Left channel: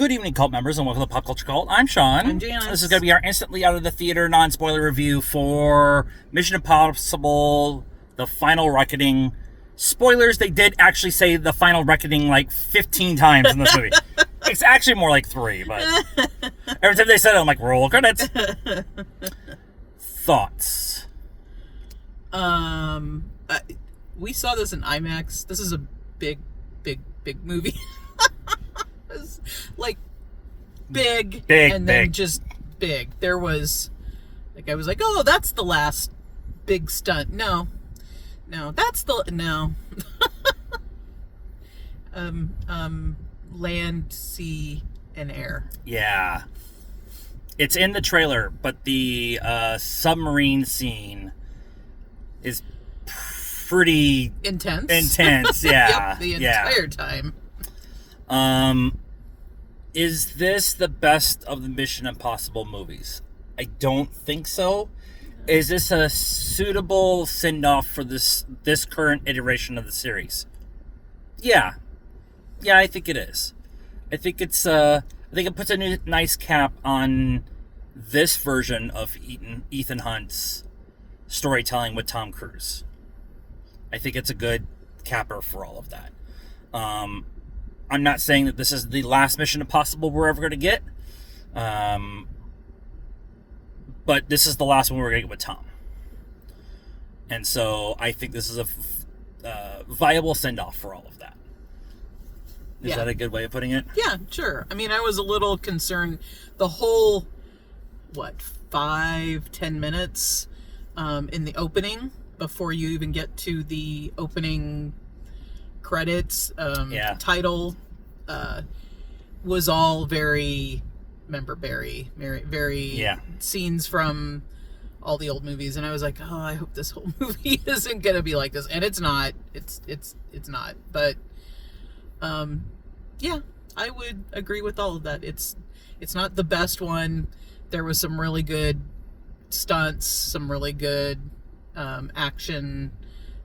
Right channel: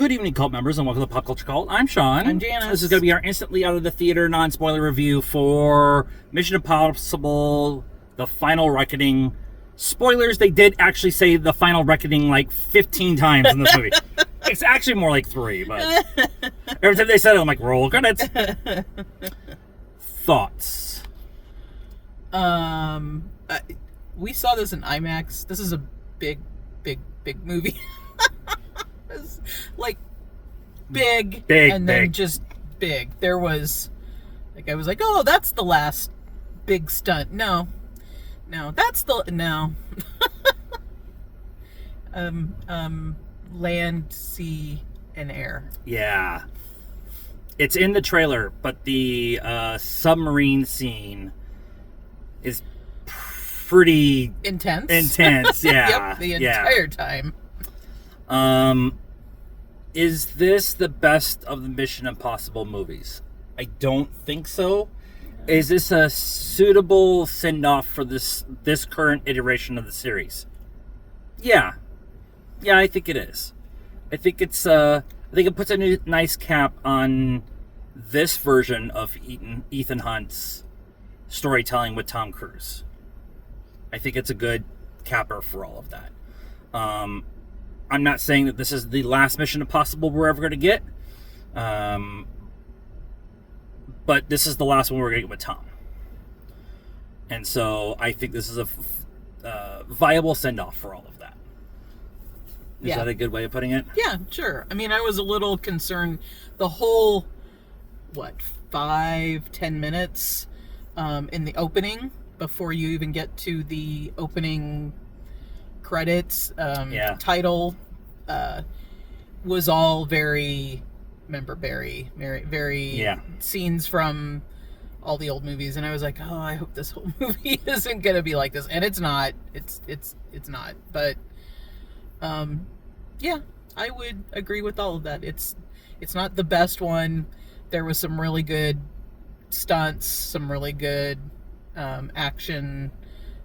Good evening, cult members, and welcome to Pop Culture Cult. I'm Sean. I'm Janice. This is going to be our instantly out of the theater, non-spoiler review for Mission Impossible: The Final Reckoning. Spoilers, they did actually say The Final Reckoning like 15 times in this movie. It's actually more like 3, but every time they said it, I'm like, roll credits. Thoughts? We saw this in IMAX. This is a big movie. It's like big, and then just big. There was, like, I was like, oh, that's the last big stunt. No, that's the no. Land, sea, and air. Yeah. It's in the trailer, but the submarine scene is pretty intense, yeah. Yep, the entire time. Is this the best of the Mission Impossible movies? I don't think so. Is this a suitable send-off for this current iteration of the series? Yeah, I think it is. I think it's I think it puts a nice cap on this version of Ethan Hunt's storytelling with Tom Cruise. I think it's a good capper for all of that. I'm not saying that this is the last Mission Impossible we're ever going to get, but this is the last one we're going to get with Tom. And so I think this is a viable send-off for all of that. Is that a good way of putting it? Yeah, sure. I mean, I was a little concerned the whole, 5-10 minutes in the opening before you even get to the opening credits title was all very very scenes from all the old movies, and I was like, oh, I hope this whole movie isn't gonna be like this, and it's not. It's not. But I would agree with all of that. It's not the best one. There was some really good stunts, some really good action,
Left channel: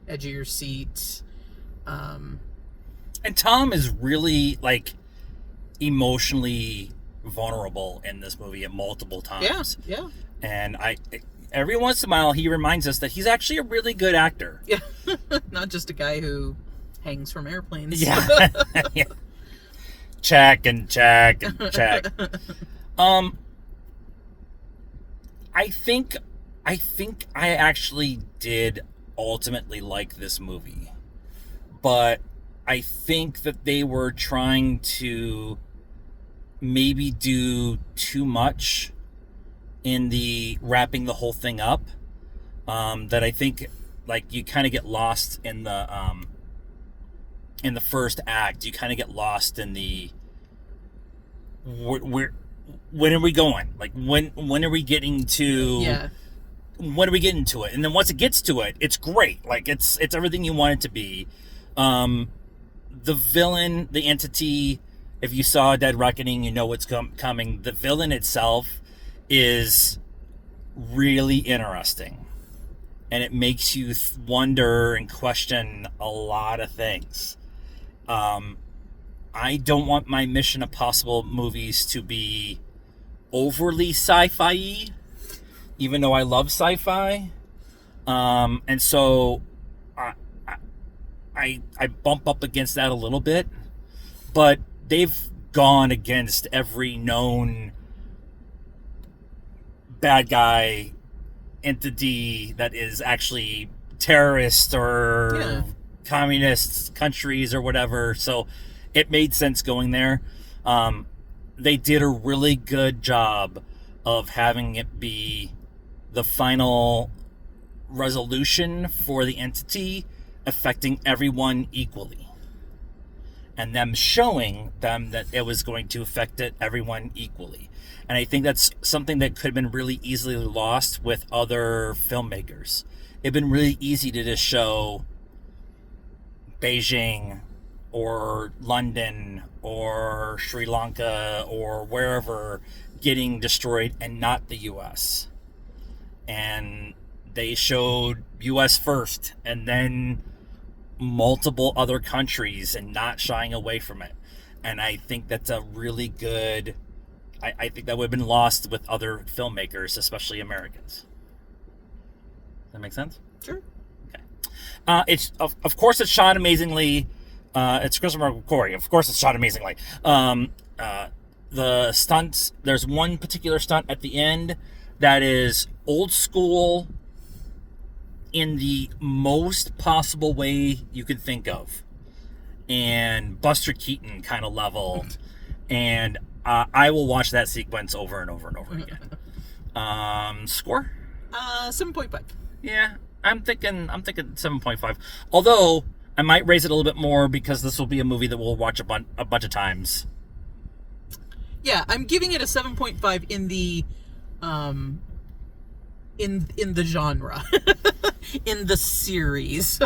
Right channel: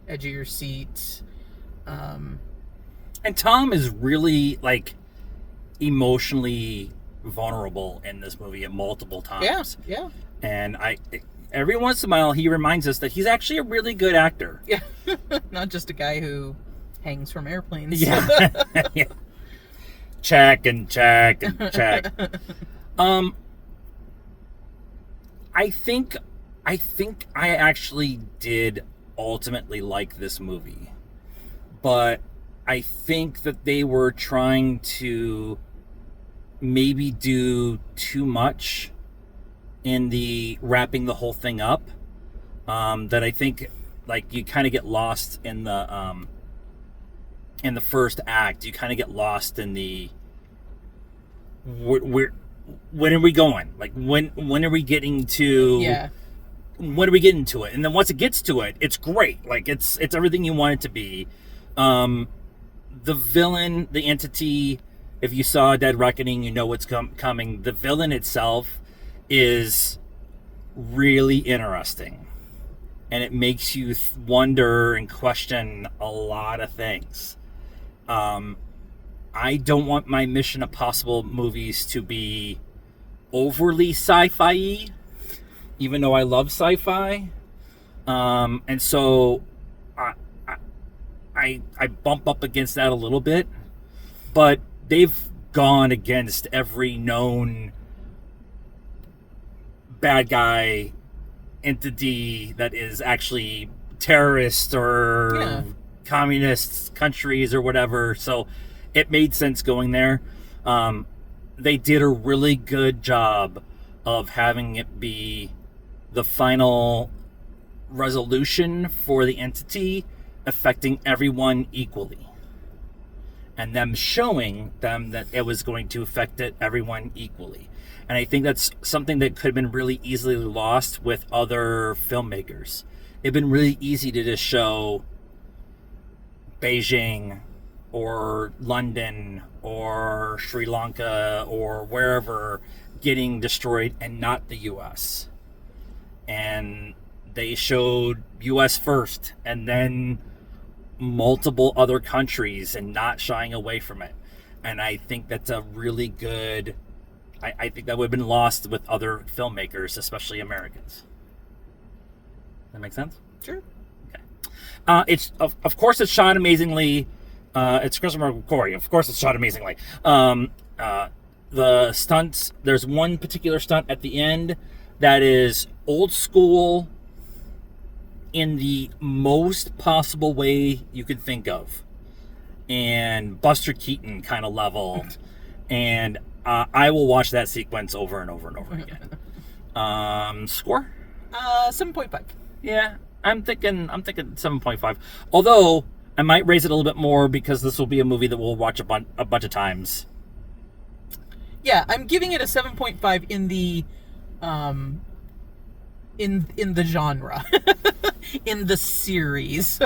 edge of your seat. And Tom is really, emotionally vulnerable in this movie at multiple times. Yeah. And every once in a while, he reminds us that he's actually a really good actor. Yeah. Not just a guy who hangs from airplanes. Yeah. Yeah. Check and check and check. I think I actually did ultimately like this movie, but I think that they were trying to maybe do too much in the wrapping the whole thing up, that I think you kind of get lost in the first act. You kind of get lost in the when are we going? When are we getting to? Yeah. When are we getting to it? And then once it gets to it, it's great. It's everything you want it to be. The villain, the entity. If you saw Dead Reckoning, you know what's coming. The villain itself is really interesting, and it makes you wonder and question a lot of things. I don't want my Mission Impossible movies to be overly sci-fi, even though I love sci-fi. And so I bump up against that a little bit, but they've gone against every known bad guy entity that is actually terrorist or communist countries or whatever. So it made sense going there. They did a really good job of having it be the final resolution for the entity affecting everyone equally, and them showing them that it was going to affect everyone equally. And I think that's something that could have been really easily lost with other filmmakers. It'd been really easy to just show Beijing or London or Sri Lanka or wherever getting destroyed and not the US. And they showed US first and then multiple other countries and not shying away from it. And I think that's a really good... I think that would have been lost with other filmmakers, especially Americans. Does that make sense? Sure. Okay. It's of course it's shot amazingly. It's Christopher McQuarrie. Of course it's shot amazingly. The stunts, there's one particular stunt at the end that is old school in the most possible way you could think of. And Buster Keaton kind of level. And I will watch that sequence over and over and over again. Score? 7.5. Yeah, I'm thinking 7.5. Although I might raise it a little bit more because this will be a movie that we'll watch a bunch of times. Yeah, I'm giving it a 7.5 in the in the genre. In the series.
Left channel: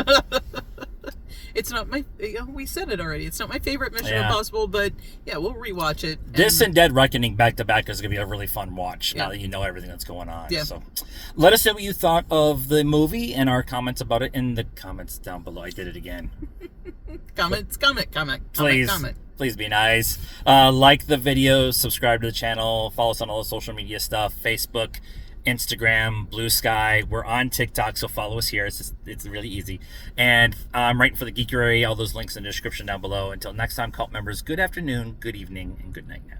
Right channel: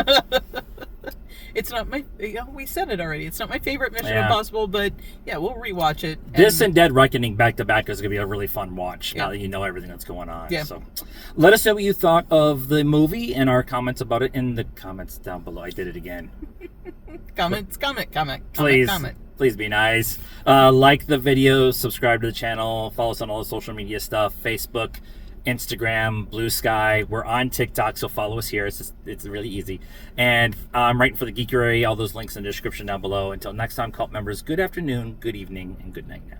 It's not my... we said it already. It's not my favorite Mission Impossible, but yeah, we'll rewatch it. This and Dead Reckoning back to back is going to be a really fun watch now that you know everything that's going on. Yeah. So let us know what you thought of the movie and our comments about it in the comments down below. I did it again. Comment. Please be nice. Like the video, subscribe to the channel, follow us on all the social media stuff, Facebook, Instagram, Blue Sky. We're on TikTok, so follow us here. It's really easy. And I'm writing for the Geekery. All those links in the description down below. Until next time, cult members, good afternoon, good evening, and good night now.